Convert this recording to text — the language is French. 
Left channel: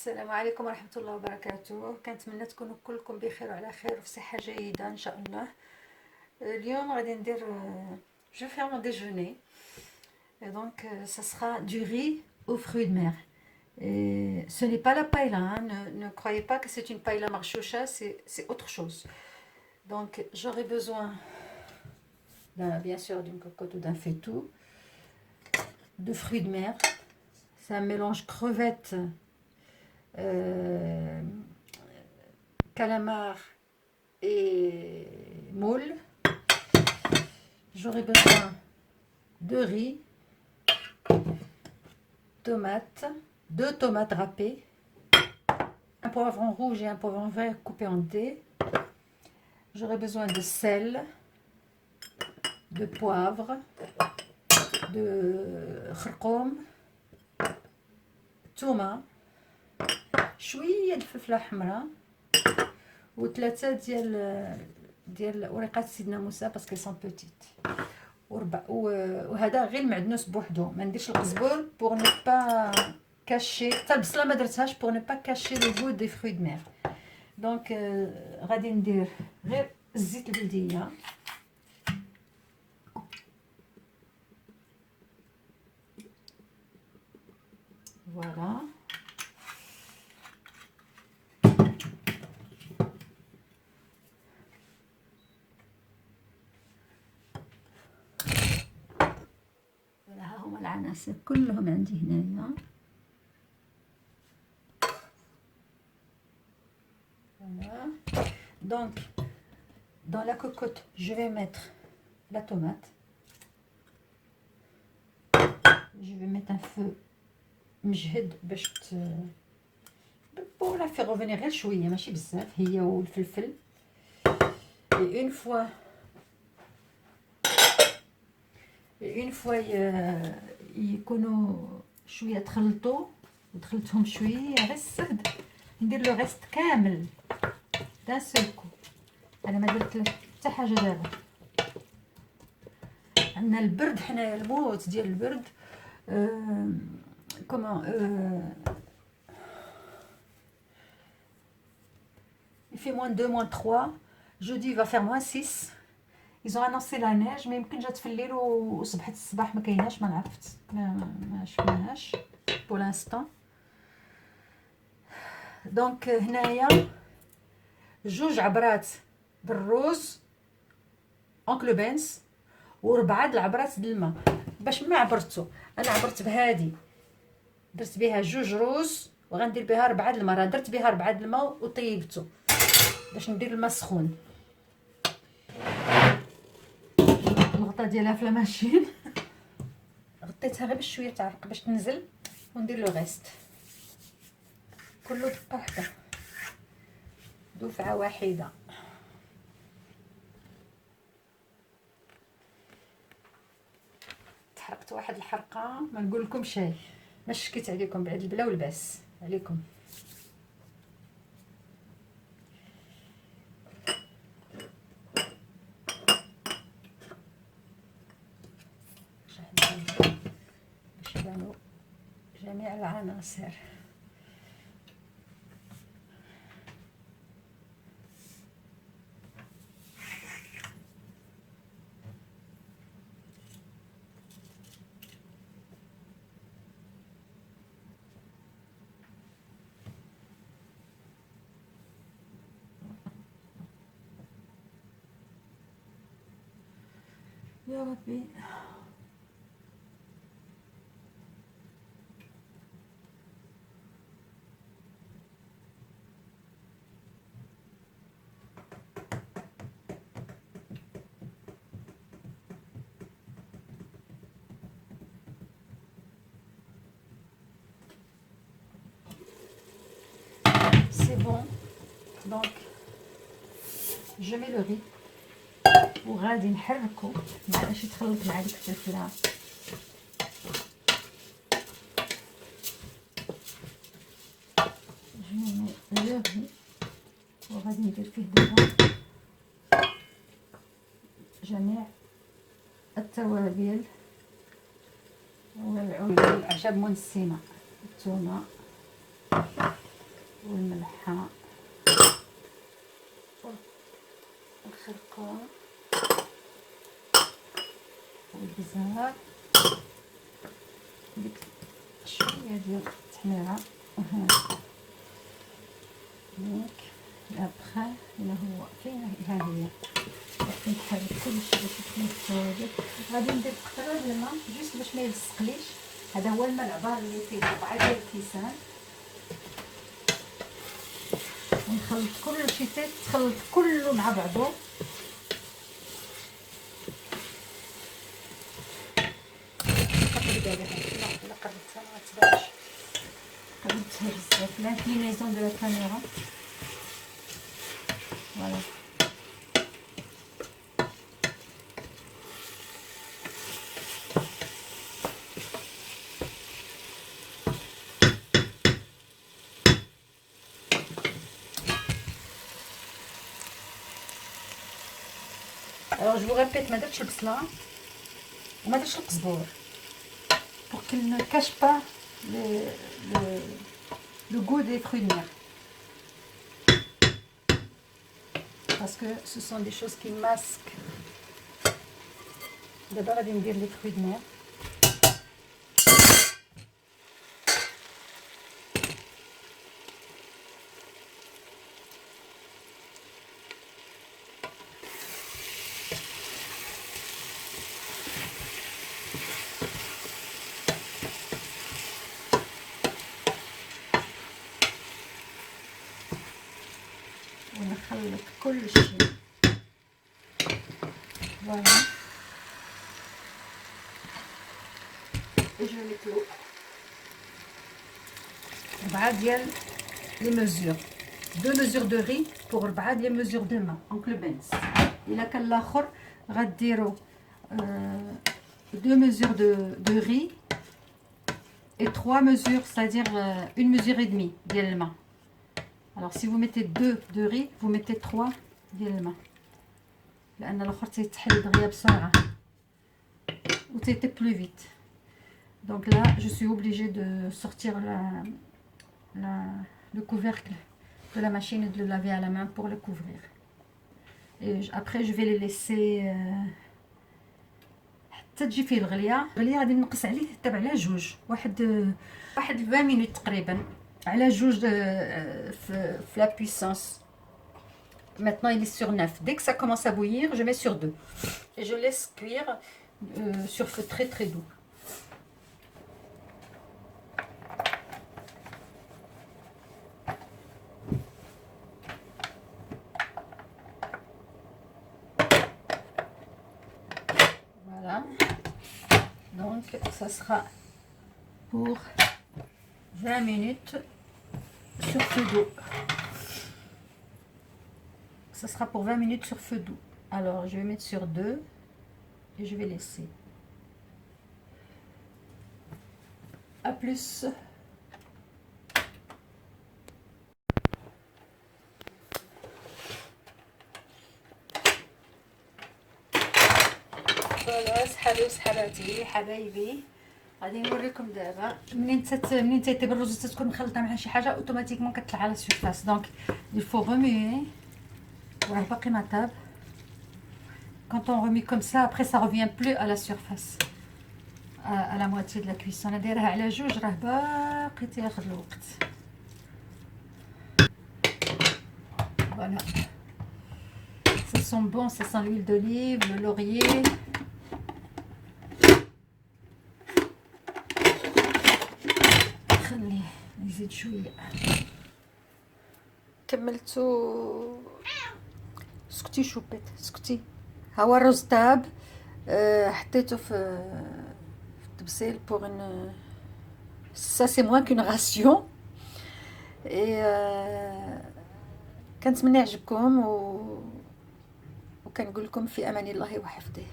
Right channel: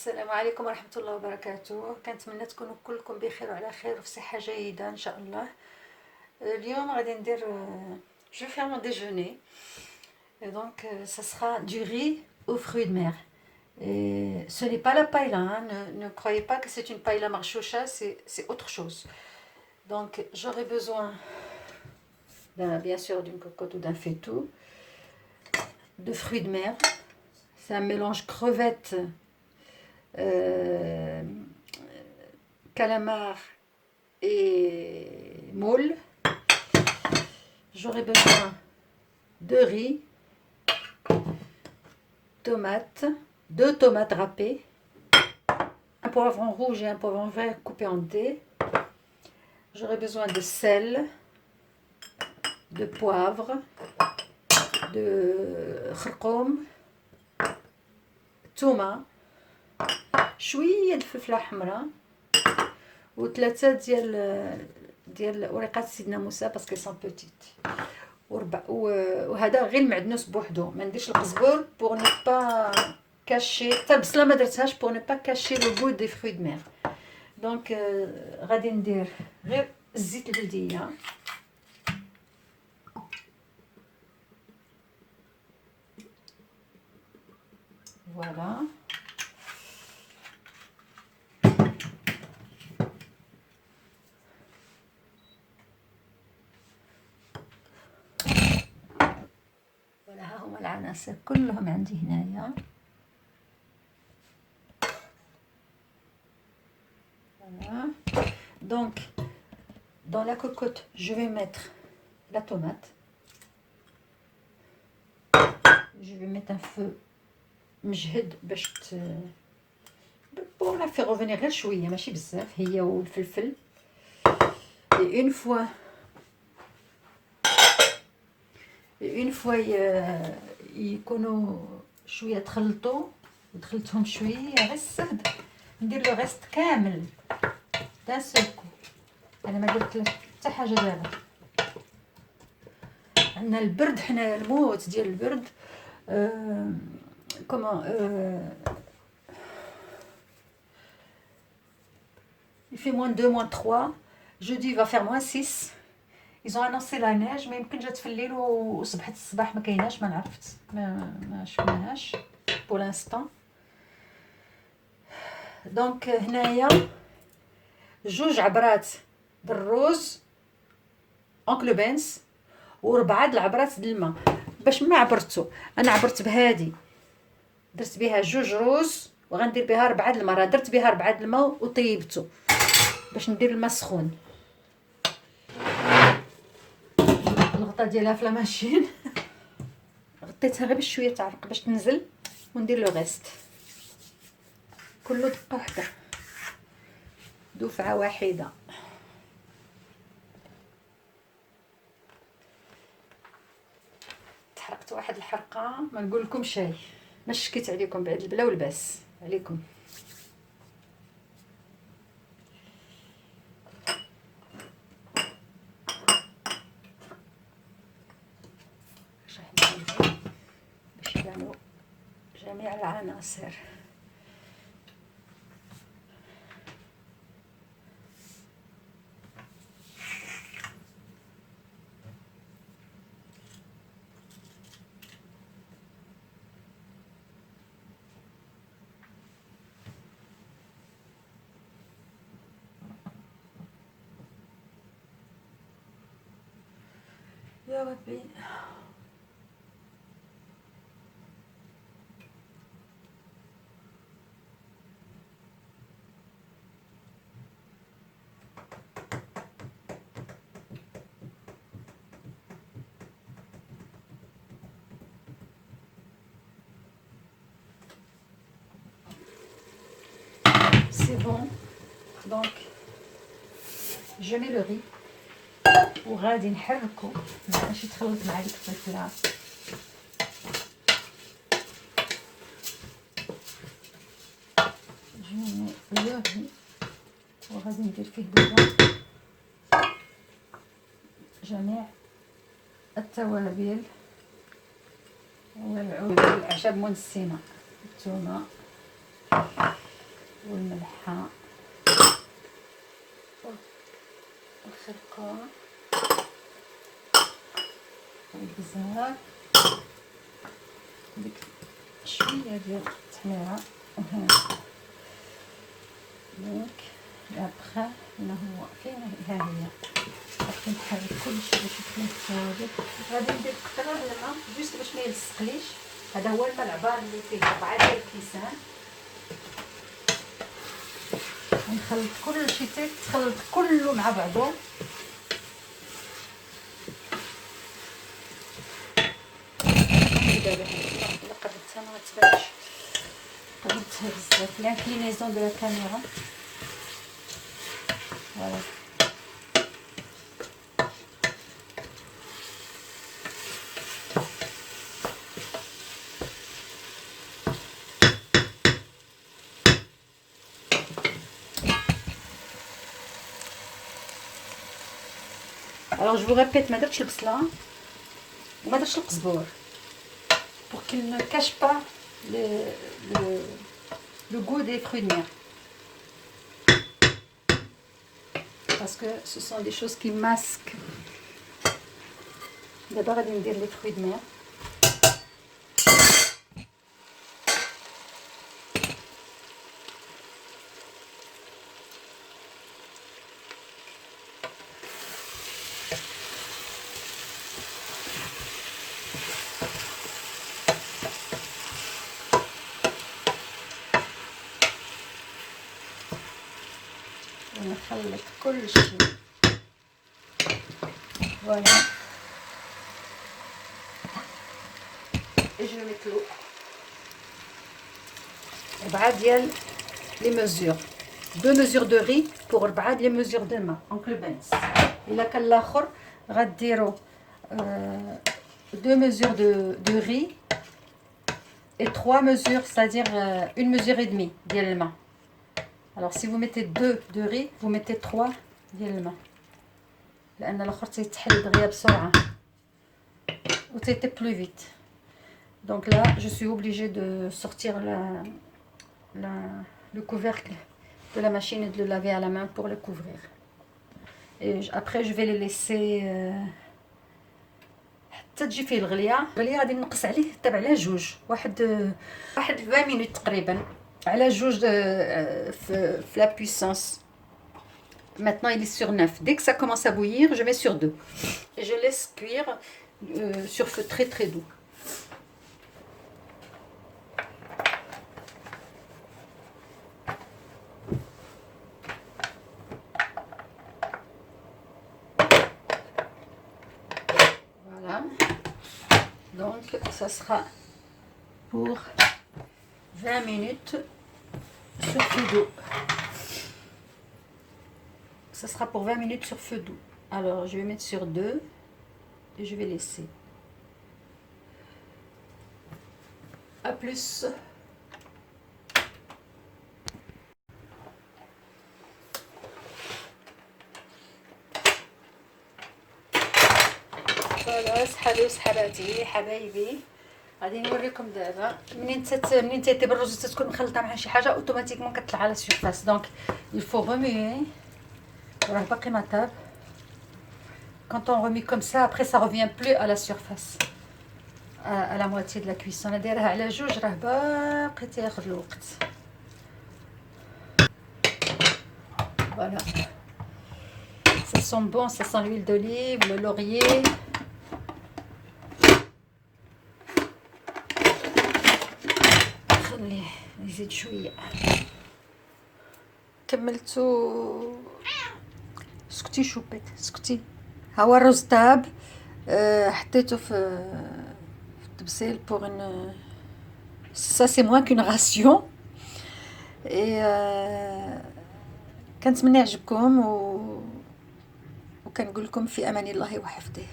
السلام عليكم ورحمة الله وبركاته. كنتمنى تكونوا كلكم بخير وعلى خير وفي صحة جيدة إن شاء الله. اليوم غادي ندير جو فيغ مون ديجوني دونك ça sera du riz aux fruits de mer. Et ce n'est pas la paella, hein. Ne croyez pas que c'est une paella marchoucha, c'est autre chose. Donc j'aurai besoin bien sûr d'une cocotte ou d'un faitout, de fruits de mer. C'est un mélange crevettes, calamar et moule. J'aurai besoin de riz, tomates, 2 tomates râpées, un poivron rouge et un poivron vert coupé en dés. J'aurai besoin de sel, de poivre, de خرقوم, تومة, شوية الفلفلة حمراء وثلاثة ديال ورقات سيدنا موسى باسكو سون بوتيت. وهذا غير المعدنوس بوحدو، ما نديرش القزبور بوغ نو با كاشي، حتى البصله ما درتهاش بوغ نو با كاشي لو بو دي فروي دو مير. دونك غادي ندير غير الزيت البلديه، فوالا. ها هما العناصر كلهم عندي هنايا. Voilà. Donc dans la cocotte je vais mettre la tomate. Je vais mettre un feu مجهد باش pour la faire revenir غير شويه ماشي بزاف، هي والفلفل. et une fois يكونوا شويه تخلطوا ودخلتهم شويه غير السهد، ندير لو ريست كامل دان سول كو. انا ما درت حتى حاجه دابا، عندنا البرد حنايا، الموت ديال البرد. comment il fait -2, -3. jeudi il va faire -6. ils ont annoncé la neige، ما يمكن جات في الليل وصبحت الصباح ما كايناش، ما عرفت، ما شفناهاش pour l'instant. دونك هنايا 2 عبرات بالروز اونكلو بنس و4 العبرات د الماء. باش ما عبرتو، انا عبرت بهادي، درت بها 2 روز وغندير بها 4 الماء. راه درت بها 4 الماء وطيبته باش ندير الماء سخون. الغطا ديالها في لاماشين غطيتها غير بشويه تعرق باش تنزل وندير لو غيست كله دقه وحده، دفعه واحده. تحرقت واحد الحرقه ما نقول لكم شيء، ما شكيت عليكم بعد البلا والباس عليكم. باش يبانوا جميع العناصر. يا ربي c'est bon. donc je mets le riz وغادي نحركو باش يتخلط مع ديك الفلفله. جميع لو ري وغادي ندير فيه دابا جميع التوابل والعود والأعشاب منسمة، الثومة والملحه والخرقوم والبزار ديك شويه ديال التحميره وهنا دونك لابخا هنا هو فين ها هي غادي نحرك كلشي باش يكون متساوي. غادي ندير قطره الماء جوست باش ما يلصقليش. هذا هو الماء العبار اللي فيه 4 ديال الكيسان. ونخلط كلشي تخلط كله مع بعضو. دابا لا قدرتها ما تبانش قدرتها بزاف لانكلينيزون دو لا كاميرا. فوالا alors je vous répète ما درتش البصله وما درتش القزبور pour qu'il ne cache pas le goût des fruits de mer parce que ce sont des choses qui masquent. D'abord غادي ندير les fruits de mer. ونخلط كل شيء. Voilà. Et je vais mettre l'eau. 4 ديال les mesures. 2 mesures de riz pour 4 ديال mesures de الماء. دونك لو بنس. إلا كان الآخر غديروا 2 mesures de riz et 3 mesures, c'est-à-dire 1 mesure et demie ديال الماء. Alors si vous mettez 2 de riz, vous mettez 3 ديال الماء لان الاخر تيتحل دغيا بسرعه و تيتي plus vite. Donc là je suis obligée de sortir le couvercle de la machine et de le laver à la main pour le couvrir. Et après je vais les laisser حتى تجي فيه الغليه. غادي نقص عليه تبع على جوج واحد 20 minutes تقريبا على جوج في la puissance. Maintenant il est sur 9. Dès que ça commence à bouillir, je mets sur 2 et je laisse cuire sur feu très très doux. Voilà. Donc ça sera pour 20 minutes sur feu doux. Ça sera pour 20 minutes sur feu doux. Alors je vais mettre sur 2 et je vais laisser. À plus. فوالا صحابي وصحاباتي حبايبي غادي نوريكم دابا منين تيطيب الرز تتكون مخلطه مع شي حاجه اوتوماتيكمون كتطلع على السيرفاس. دونك il faut remuer. Voilà, pas ma table. Quand on remue comme ça, après ça revient plus à la surface, à la moitié de la cuisson. On a دايرها على جوج راه باقي تاخذ الوقت. Voilà. Ça sent bon, ça sent l'huile d'olive, le laurier. خليه يزيد شويه. كملتو. سكتي شوبيت سكتي. ها هو الرز طاب. حطيته في التبسيل بوغ ان سا سي موان كون راسيون. اي كنتمنى يعجبكم وكنقول لكم في امان الله وحفظه.